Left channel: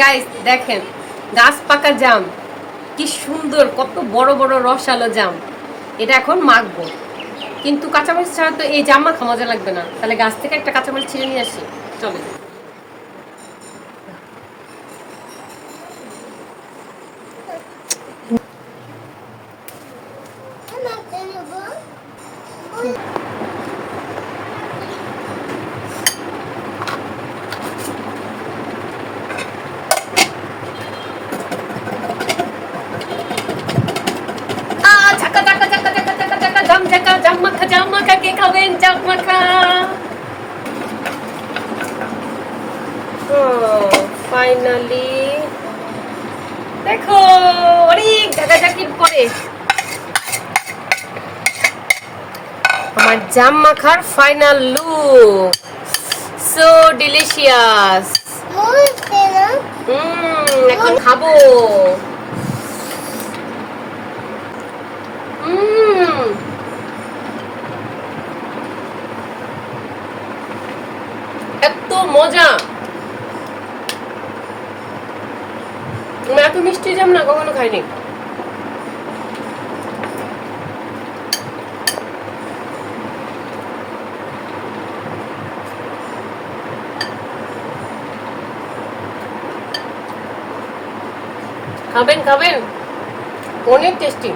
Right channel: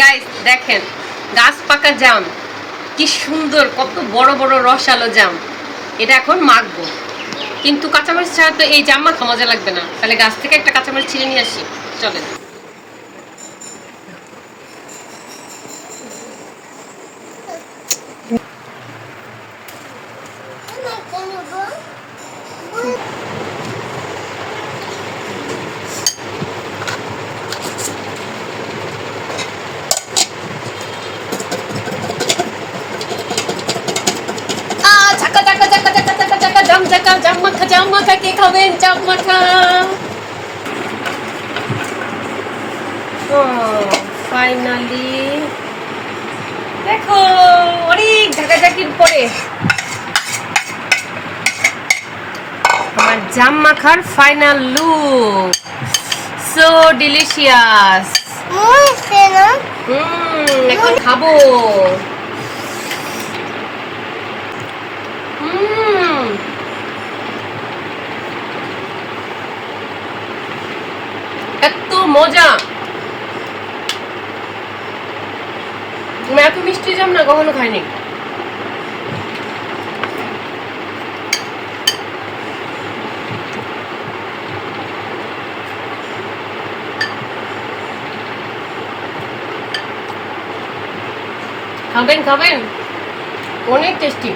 Guys দেখেন, গাছ পাকা জাম কি সুন্দর, কত বড় বড় রসালো জাম। এটা এখন মাখবো, কিন্তু কাঁচামরিচ ছাড়া তো এই জাম মাখা মজা লাগবে না। তাহলে গাছ থেকে একটা কাঁচামরিচ ছিঁড়ে নিয়ে আসি, চলেন। জাম মাখা কে খাবেন? জাম মাখা। ফাইনালি দেখো, অনেক ঝাঁকাঝাঁকির পরে আমার জাম মাখার ফাইনাল লুক। So delicious. এখন খাবো। এত মজা, আমি এত মিষ্টি জাম না কখনো খাইনি। খাবেন খাবেন, অনেক টেস্টি।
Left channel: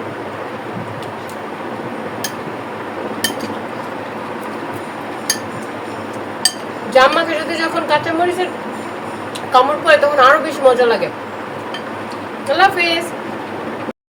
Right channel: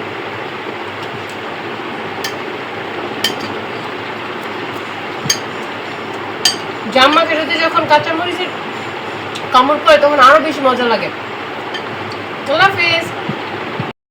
জাম মাখের সাথে যখন কাঁচামরিচের কামড় পড়ে তখন আরো বেশি মজা লাগে। আল্লাহ হাফেজ।